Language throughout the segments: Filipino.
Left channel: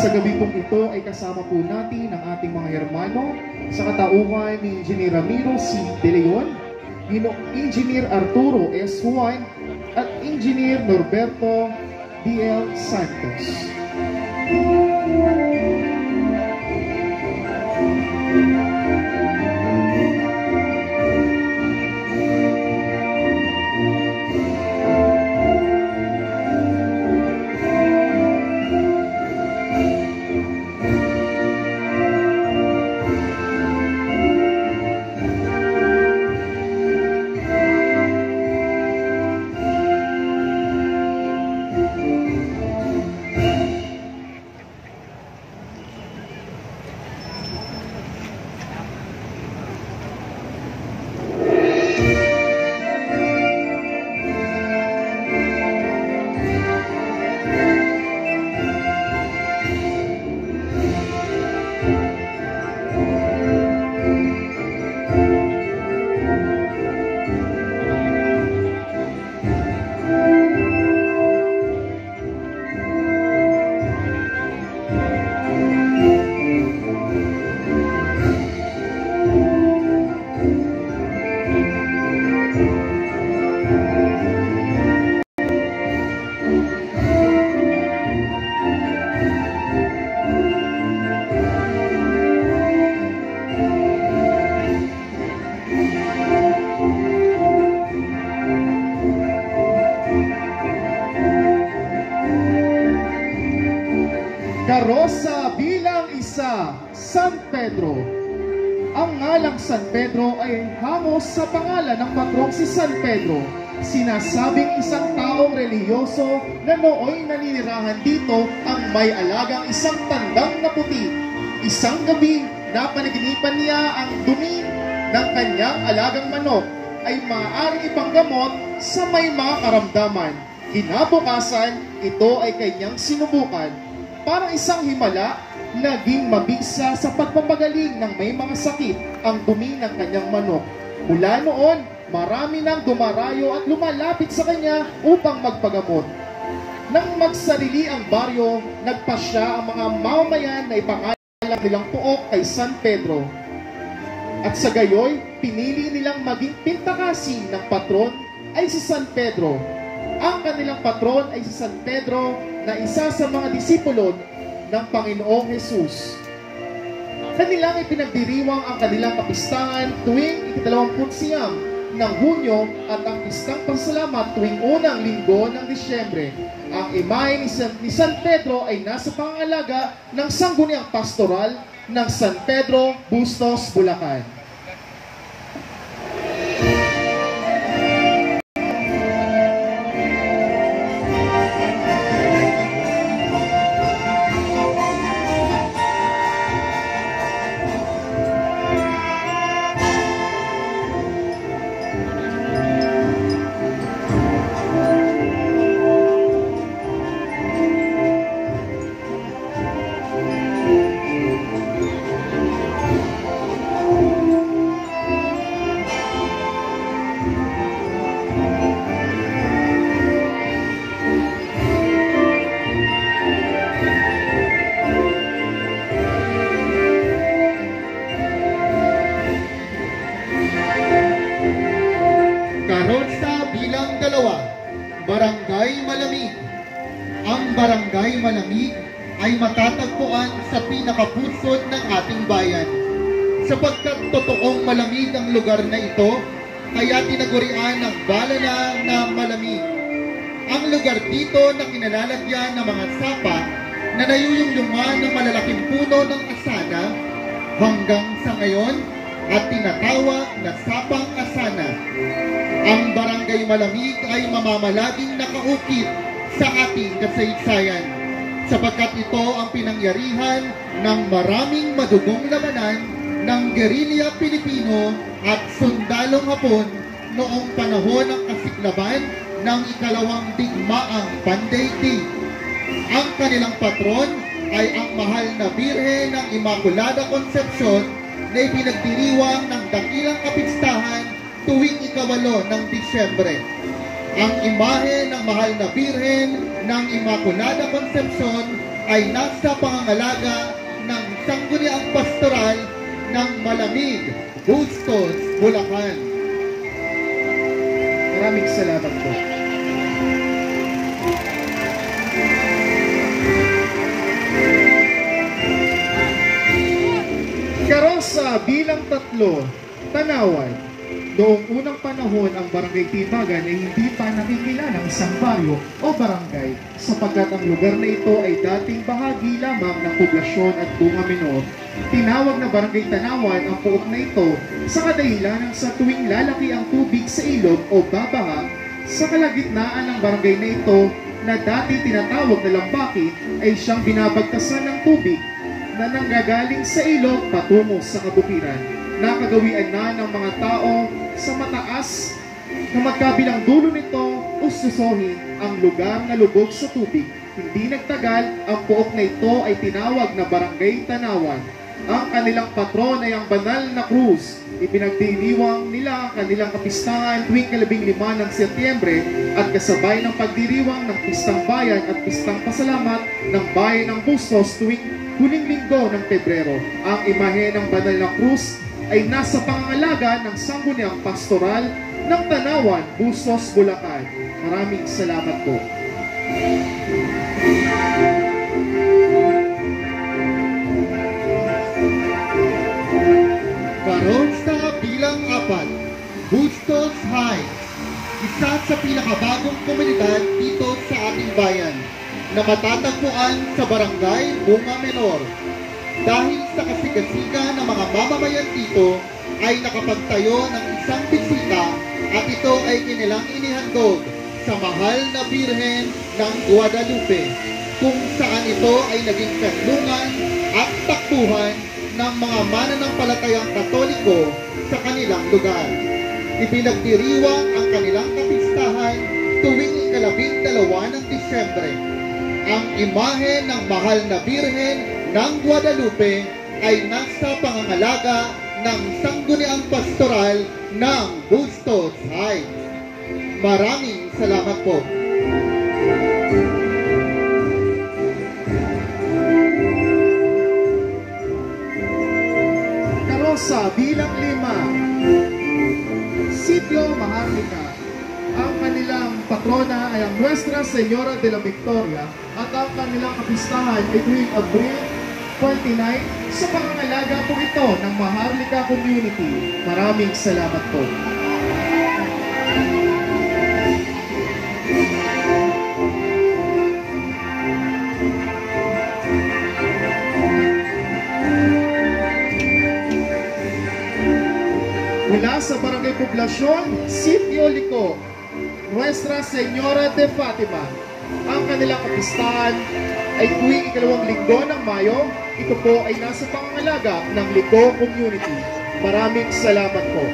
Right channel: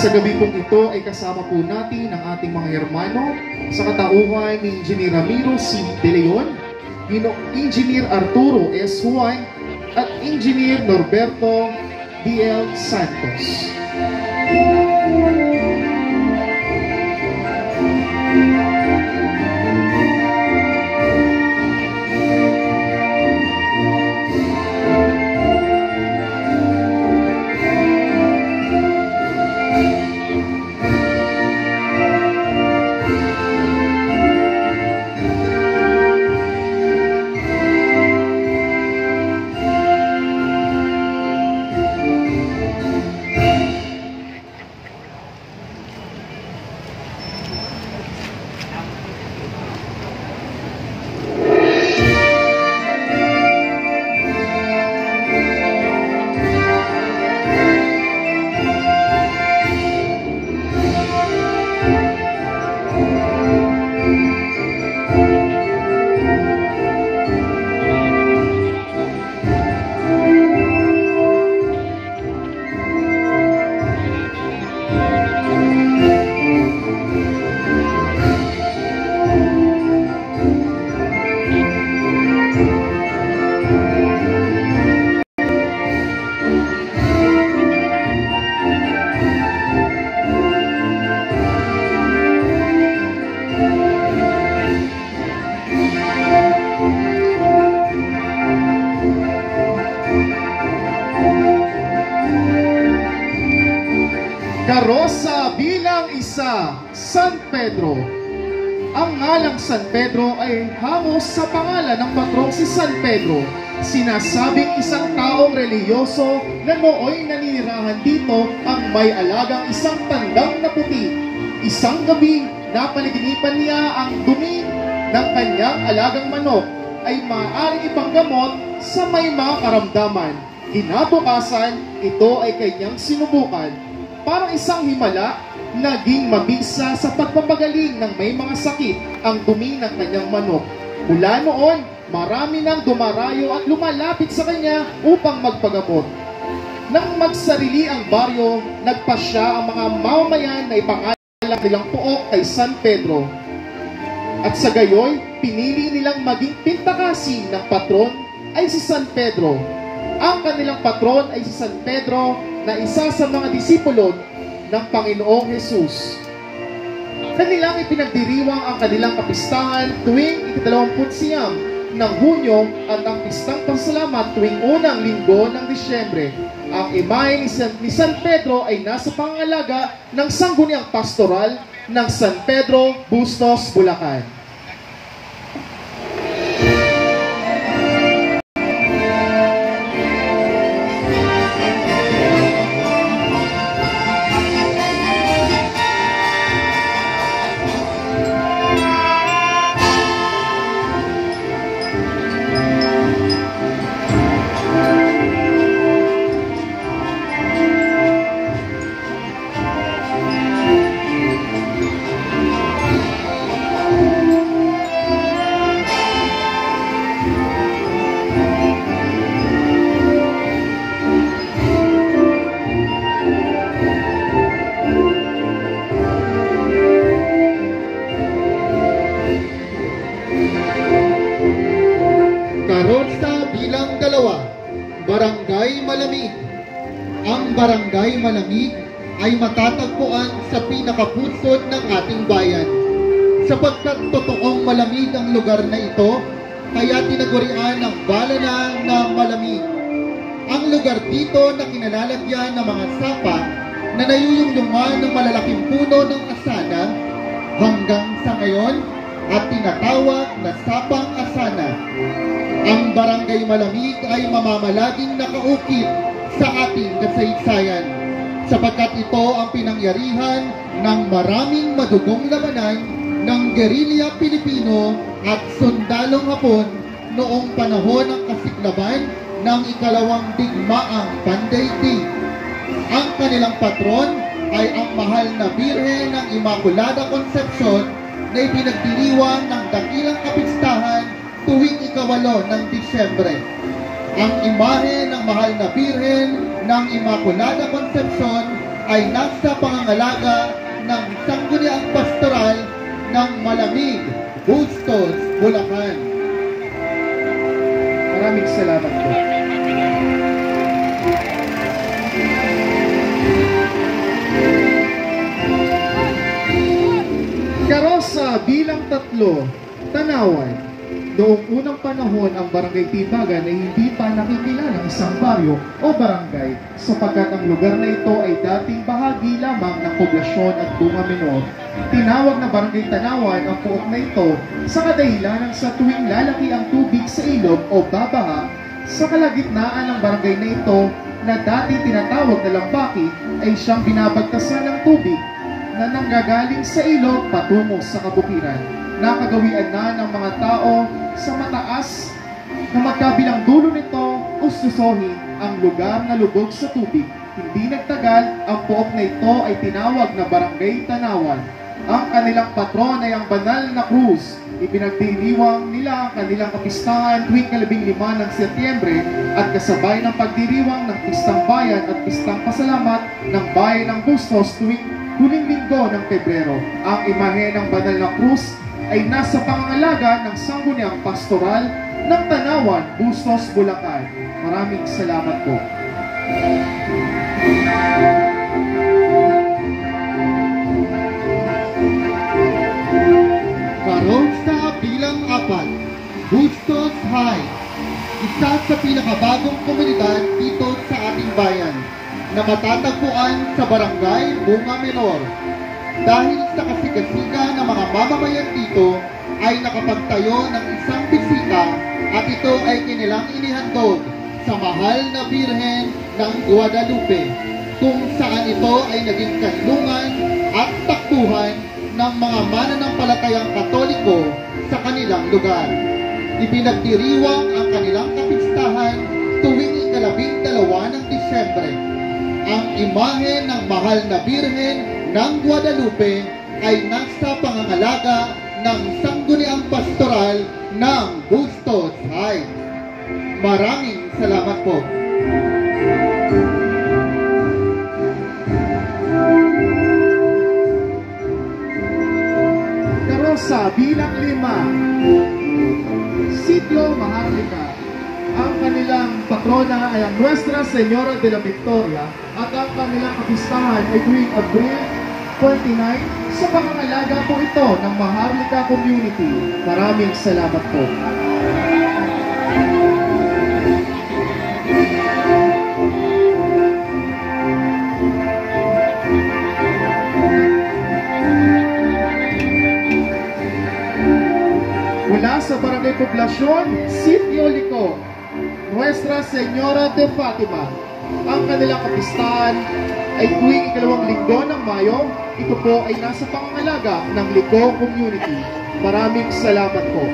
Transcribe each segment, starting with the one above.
Sa gabi pong ito ay kasama po natin ang ating mga hermano sa katauhan ni Engineer Ramiro C. De Leon, Engineer Arturo S. Juan, at Engineer Norberto D.L. Santos. Karosa bilang isa, San Pedro. Ang ngalang San Pedro ay hamos sa pangalan ng patrong si San Pedro. Sinasabing isang taong reliyoso na nooy naninirahan dito ang may alagang isang tandang na puti. Isang gabi, napanaginipan niya ang dumi ng kanyang alagang manok ay maaaring ipanggamot sa may mga karamdaman. Kinabukasan, ito ay kanyang sinubukan. Parang isang himala, naging mabisa sa pagpapagaling ng may mga sakit ang dumi ng kanyang manok. Mula noon, marami nang dumarayo at lumalapit sa kanya upang magpagamot. Nang magsarili ang baryo, nagpasya ang mga mamamayan na ipangalan nilang pook kay San Pedro. At sa gayoy, pinili nilang maging pintakasin ng patron ay si San Pedro. Ang kanilang patron ay si San Pedro na isa sa mga disipulo ng Panginoong Jesus. Kanilang ipinagdiriwang ang kanilang kapistahan tuwing 29 ng Hunyo at ang pistang pasalamat tuwing unang linggo ng Disyembre. Ang imahe ni San Pedro ay nasa pangangalaga ng sangguniang pastoral ng San Pedro, Bustos, Bulacan. Barangay Malamig. Ang Barangay Malamig ay matatagpuan sa pinakapuso ng ating bayan. Sapagkat totoong malamig ang lugar na ito, kaya tinagurian ng balana na malamig. Ang lugar dito na kinalalagyan ng mga sapa na nayuyungyungan ng malalaking puno ng asana hanggang sa ngayon at tinatawag na sapang asana. Ang Barangay Malamig ay mamamalaging nakaukit sa ating kasaysayan sapagkat ito ang pinangyarihan ng maraming madugong labanan ng gerilya Pilipino at sundalong Hapon noong panahon ng kasiklaban ng ikalawang digmaang pandaigdig. Ang kanilang patron ay ang mahal na Birhen ng Immaculada Concepcion na ipinagdiriwang ng dakilang kapistahan tuwing ika-8 ng Disyembre. Ang imahe ng mahal na Birhen ng Immaculada Concepcion ay nasa pangangalaga ng sangguniang pastoral ng Malamig, Bustos, Bulacan. Maraming salamat po. Karosa bilang 3, Tanawan. Noong unang panahon, ang Barangay Timagan ay hindi pa nakikilalang isang baryo o barangay sapagkat ang lugar na ito ay dating bahagi lamang ng poblasyon at bunga menor. Tinawag na Barangay Tanawan ang pook na ito sa kadahilanan sa tuwing lalaki ang tubig sa ilog o babaha, sa kalagitnaan ng barangay na ito na dati tinatawag na Lambaki ay siyang binabagtasan ng tubig na nanggagaling sa ilog patungo sa kabukiran. Nakagawian na ng mga tao sa mataas na magkabilang dulo nito ususohin ang lugar na lubog sa tubig. Hindi nagtagal, ang pook na ito ay tinawag na Barangay Tanawan. Ang kanilang patron ay ang banal na krus. Ipinagdiriwang nila ang kanilang kapistahan tuwing 15 ng Setyembre at kasabay ng pagdiriwang ng Pistang Bayan at Pistang Pasalamat ng Bayan ng Bustos tuwing huling linggo ng Pebrero. Ang imahe ng banal na krus ay nasa pangangalaga ng sangguniang pastoral ng Tanawan, Bustos, Bulacan. Maraming salamat po. Karosa bilang 4, Bustos Heights. Isa sa pinakabagong komunidad dito sa ating bayan na matatagpuan sa Barangay Bunga Menor. Dahil sa kasigasiga ng mga mamamayan dito ay nakapagtayo ng isang bisita at ito ay kanilang inihandog sa mahal na Birhen ng Guadalupe, kung saan ito ay naging kanlungan at takbuhan ng mga mananampalatayang Katoliko sa kanilang lugar. Ipinagdiriwang ang kanilang kapistahan tuwing 12 ng Disyembre. Ang imahe ng mahal na Birhen ng Guadalupe ay nasa pangangalaga ng sangguniang pastoral ng Bustos Heights. Maraming salamat po. Karosa bilang 5, Sitio Maharlika. Ang kanilang patrona ay ang Nuestra Señora de la Victoria at ang kanilang kapistahan ay tuwing Abril 29 sa pangangalaga po ito ng Maharlika Community. Maraming salamat po. Mula sa Barangay Poblasyon, Sitio Liko, Nuestra Señora de Fatima. Ang kanilang kapistahan ay tuwing 2 linggo ng Mayo. Ito po ay nasa pangangalaga ng Liko Community. Maraming salamat po.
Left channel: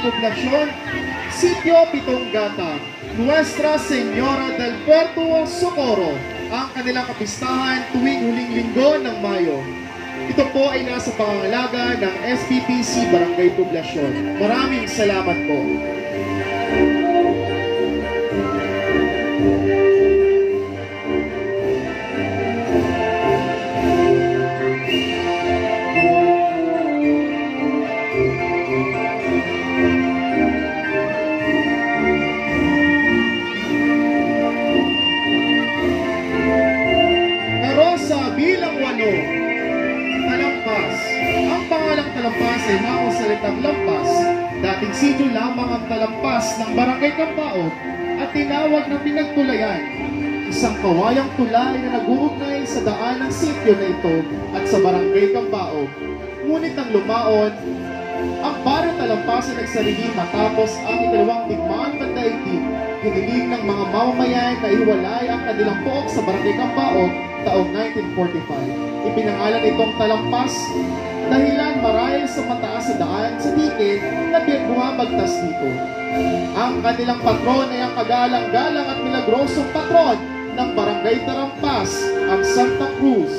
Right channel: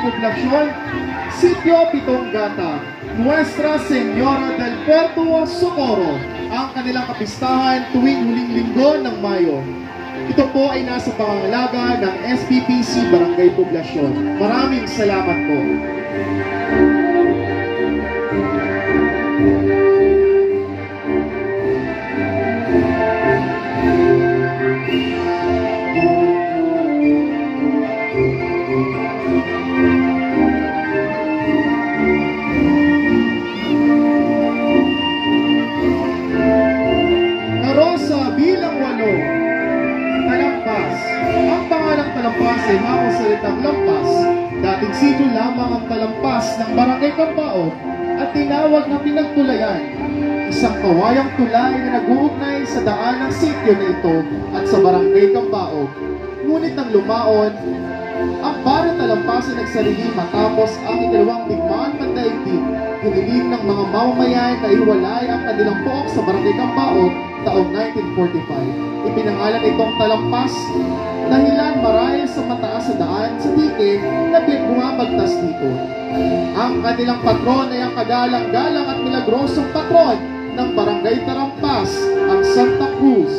Poblasyon, Sitio Pitong Gata, Nuestra Señora del Puerto Socorro. Ang kanilang kapistahan tuwing huling linggo ng Mayo. Ito po ay nasa pangangalaga ng SPPC Barangay Poblasyon. Maraming salamat po. Talampas ay hamon sa salitang lampas. Dating sityo lamang ang talampas ng Barangay Cambaog at tinawag na pinagtulayan. Isang kawayang tulay na nag-uugnay sa daan ng sityo na ito at sa Barangay Cambaog. Ngunit nang lumaon, ang baryo talampas ay nagsarili matapos ang ikalawang digmaan pandaigdig. Hiniling ng mga mamamayan na iwalay ang kanilang pook sa Barangay Cambaog taong 1945. Ipinangalan itong talampas dahilan marahil sa mataas sa daan sa dikit na bumabagtas dito. Ang kanilang patron ay ang kagalang-galang at milagrosong patron ng Barangay Talampas, ang Santa Cruz.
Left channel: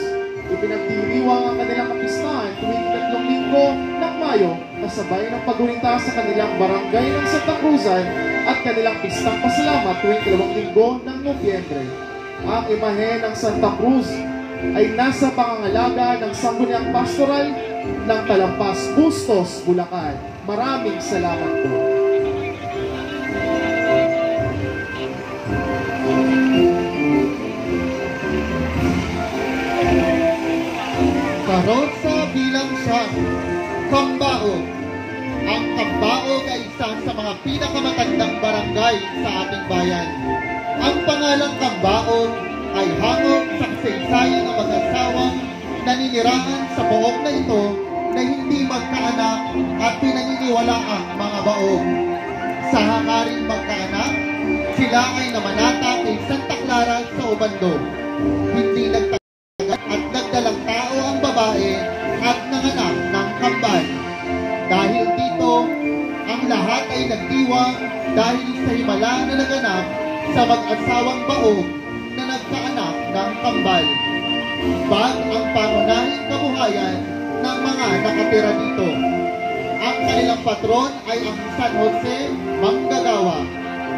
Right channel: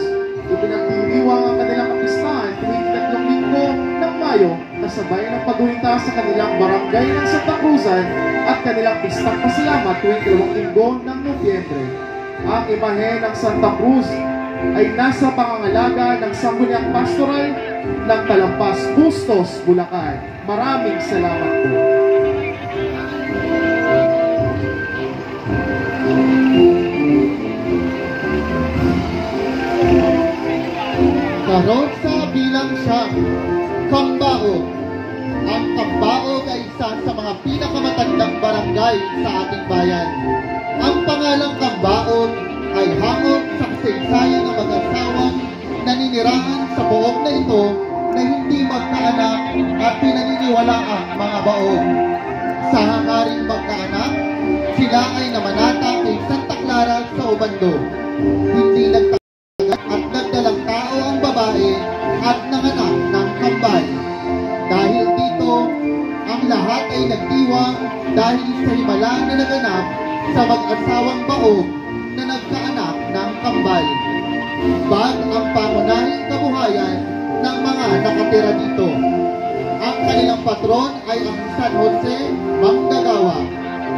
Ipinagdiriwang ang kanilang kapistahan tuwing 3 linggo ng Mayo na sabay ng paggunita sa kanilang barangay ng Santa Cruzan at kanilang pistang pasalamat tuwing 2 linggo ng Nobyembre. Ang imahe ng Santa Cruz ay nasa pangangalaga ng Sangguniang Pastoral ng Talampas, Bustos, Bulacan. Maraming salamat po. Karosa bilang siyang Cambaog. Ang Cambaog ay isa sa mga pinakamatandang barangay sa ating bayan. Ang pangalang Cambaog ay hango sa kasaysayan ng mag-asawang naninirahan sa pook na ito na hindi magkaanak at pinaniniwalaang mga baog. Sa hangaring magkaanak, sila ay namanata kay Santa Clara sa Obando. Hindi nagtagal at nagdalang tao ang babae at nanganak ng kambal. Dahil dito, ang lahat ay nagdiwang dahil sa himala na naganap sa mag-asawang baog na nagkaanak ng kambal. Bag ang pangunahing kabuhayan ng mga nakatira dito. Ang kanilang patron ay ang San Jose Manggagawa.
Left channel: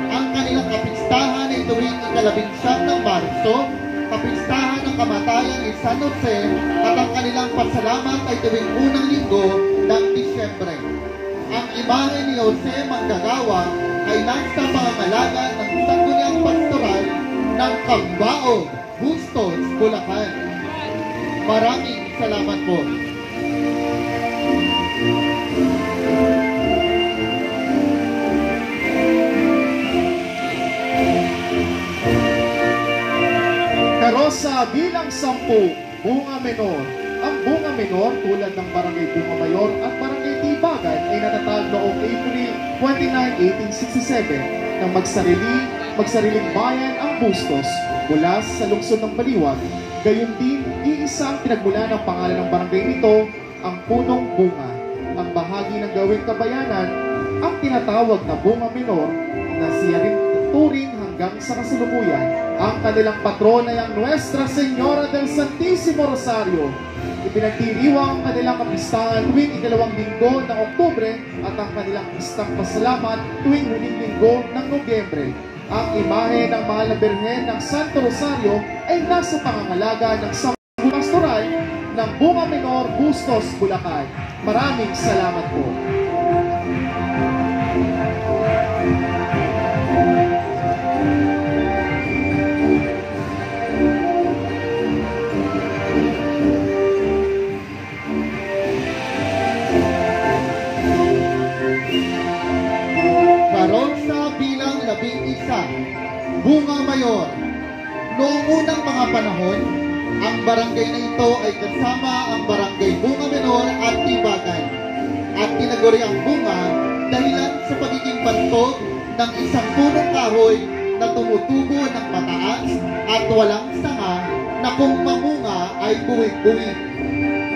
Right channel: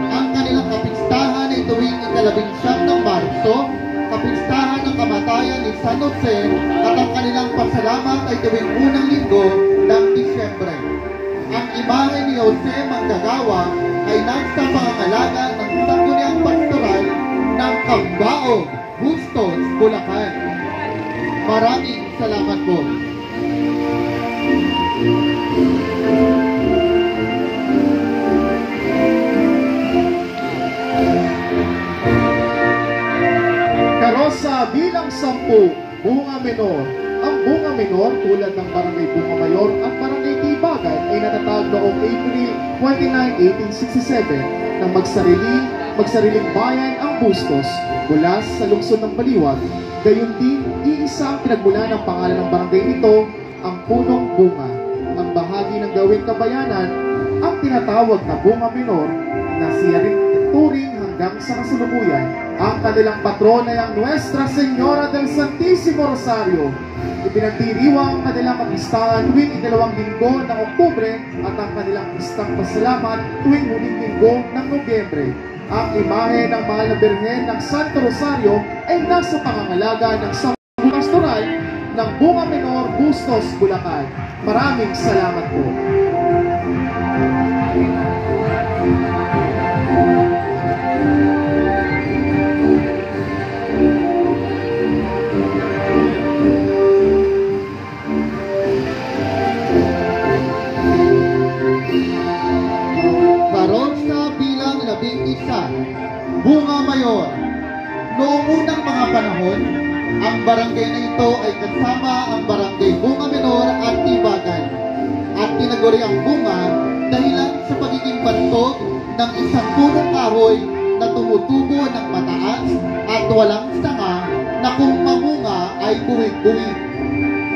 Ang kanilang kapistahan ay tuwing 19 ng Marso, kapistahan ng kamatayan ni San Jose, at ang kanilang pasalamat ay tuwing unang linggo ng Disyembre. Ang imahe ni Jose Manggagawa ay nasa pangangalaga ng Sangguniang Pastoral ng Cambaog, Bustos, Bulacan. Maraming salamat po. Karosa bilang 10, Bunga Menor. Ang Bunga Menor tulad ng Barangay Bunga Mayor at Barangay Tibagan ay natatag noong April 29, 1867 nang magsariling bayan ang Bustos mula sa lungsod ng Baliwag. Gayon din, iisang pinagmula ng pangalan ng barangay nito, ang Punong Bunga. Ang bahagi ng gawing kabayanan, ang tinatawag na Bunga Menor, na siya rin turing hanggang sa kasalukuyan. Ang kanilang patron ay ang Nuestra Señora del Santísimo Rosario. Ipinagdiriwang ang kanilang kapistahan tuwing 2 linggo ng Oktubre at ang kanilang pistang pasalamat tuwing huling linggo ng Nobyembre. Ang imahe ng mahal na Birhen ng Santo Rosario ay nasa pangangalaga ng Sangguniang Pastoral ng Bunga Menor, Bustos, Bulacan. Maraming salamat po. Bunga Mayor. Noong unang mga panahon, ang barangay na ito ay kasama ang Barangay Bunga Menor at Tibagan at tinaguri ang bunga dahilan sa pagiging bantog ng isang punong kahoy na tumutubo ng mataas at walang sanga na kung mamunga ay buwig-buwig.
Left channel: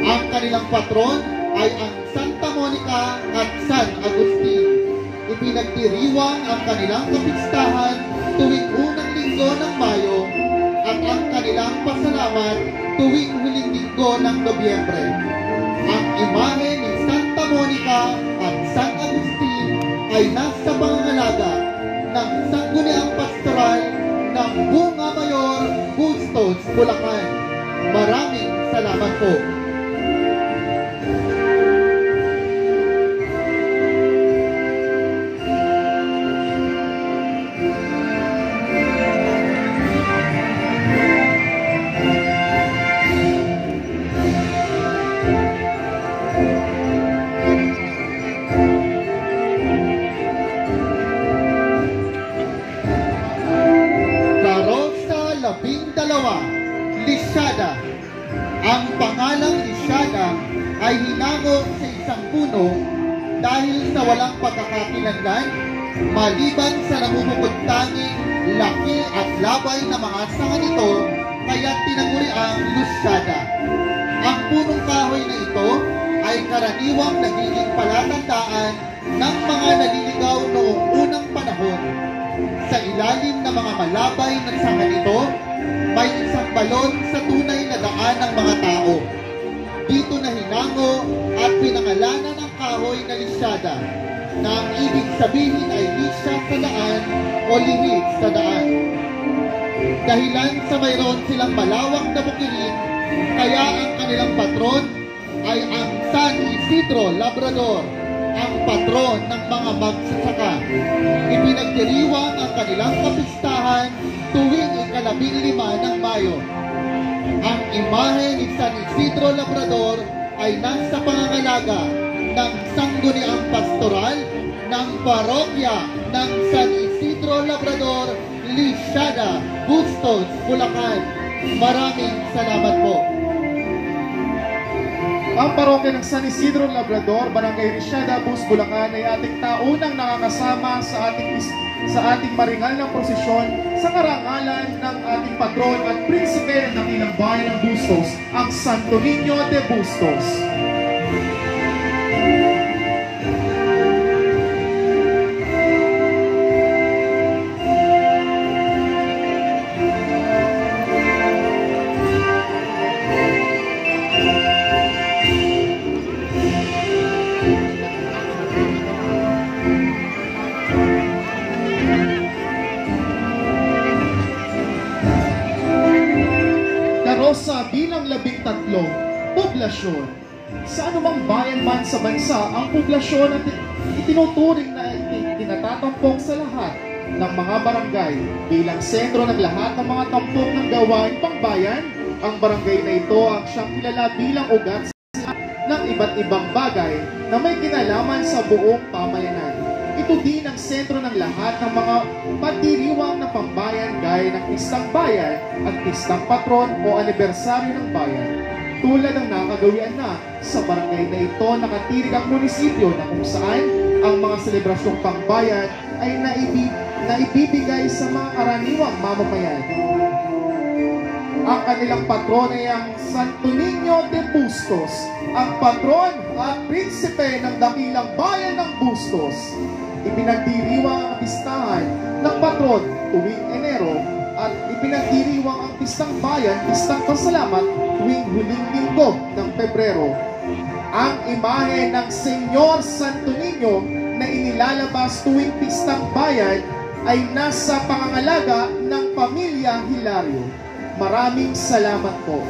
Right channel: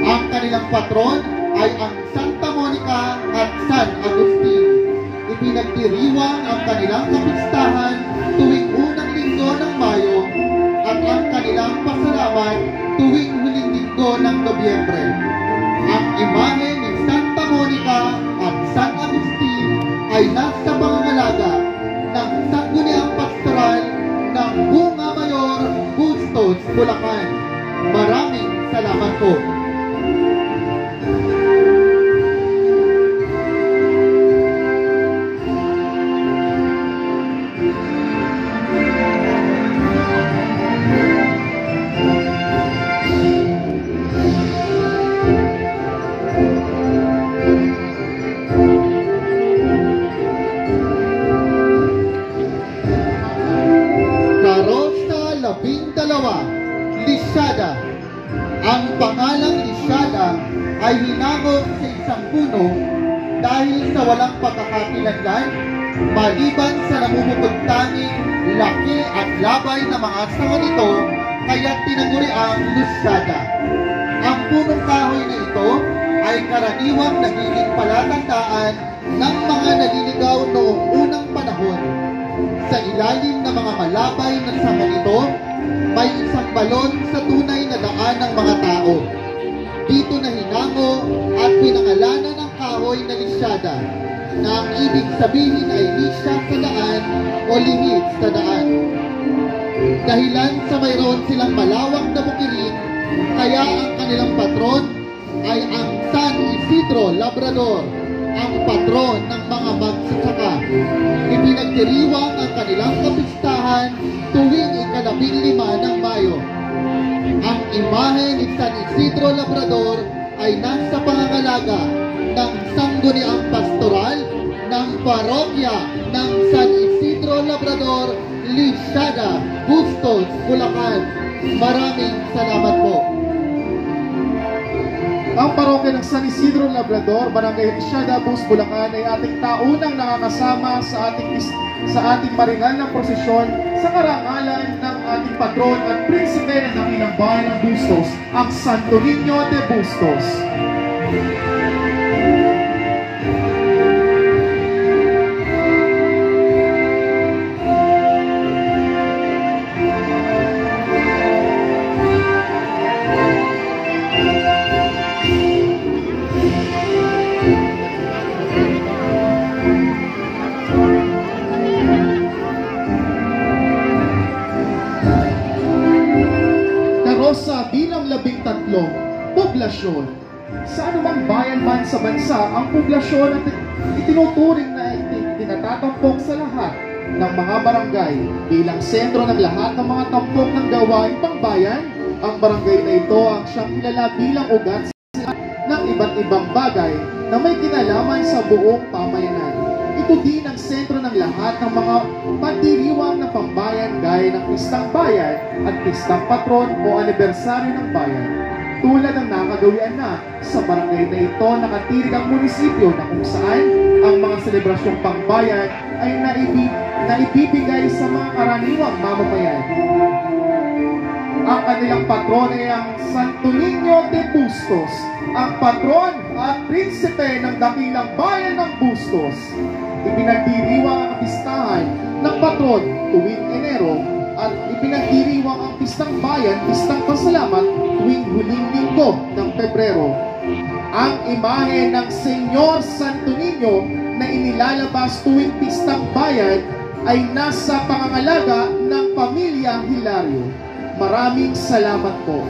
Ang kanilang patron ay ang Santa Monica at San Agustin. Ipinagdiriwang ang kanilang kapistahan tuwing unang linggo ng Mayo at ang kanilang tuwing huling linggo ng Nobyembre. Ang imahe ni Santa Monica at San Agustin ay nasa pangangalaga ng Sangguniang Pastoral ng Bunga Mayor, Bustos, Bulacan. Maraming salamat po. Lisyada. Ang pangalang Lisyada ay hinangog sa isang puno dahil sa walang pagkakakilanlan maliban sa namumupugtanging laki at labay na mga sanga nito, kaya tinaguri ang Lisyada. Ang punong kahoy na ito ay karaniwang nagiging palatandaan ng mga naliligaw noong unang panahon. Sa ilalim ng mga malabay na sanga nito, may isang balon sa tunay na daan ng mga tao. Dito na hinango at pinangalanan ng kahoy na Lisyada, na ang ibig sabihin ay lisya sa daan o limit sa daan. Dahilan sa mayroon silang malawak na bukilin, kaya ang kanilang patron ay ang San Isidro Labrador, ang patron ng mga magsasaka. Ipinagdiriwang ang kanilang kapistahan tuwing ika-15 ng Mayo. Ang imahe ni San Isidro Labrador ay nasa pangangalaga ng Sangguniang Pastoral ng Parokya ng San Isidro Labrador, Lisyada, Bustos, Bulacan. Maraming salamat po. Ang parokya ng San Isidro Labrador, Barangay Lisyada, Bustos, Bulacan ay ating taunang nakakasama sa ating maringal na prosesyon sa karangalan ng ating patron at prinsipe ng dakilang bayan ng Bustos, ang Santo Niño de Bustos. Sa bilang 13 poblasyon. Sa anumang bayan man sa bansa, ang poblasyon at itinuturing na tinatatampok sa lahat ng mga barangay. Bilang sentro ng lahat ng mga tampok ng gawain pangbayan, ang barangay na ito ang siyang kilala bilang ugat ng iba't ibang bagay na may kinalaman sa buong pamayanan. Ito din ang sentro ng lahat ng mga pagdiriwang ng pambayan gaya ng pistang bayan at pistang patron o anibersaryo ng bayan. Tulad ng nakagawian na sa barangay na ito, nakatirig ang munisipyo na kung saan ang mga selebrasyong pambayan ay naibibigay sa mga karaniwang mamamayan. Ang kanilang patron ay ang Santo Niño de Bustos, ang patron at prinsipe ng dakilang bayan ng Bustos. Ipinagdiriwang ang pistahan ng patron tuwing Enero at ipinagdiriwang ang pistang bayan, pistang pasalamat tuwing huling linggo ng Pebrero. Ang imahe ng Senyor Santo Niño na inilalabas tuwing pistang bayan ay nasa pangangalaga ng Pamilya Hilario. Maraming salamat po.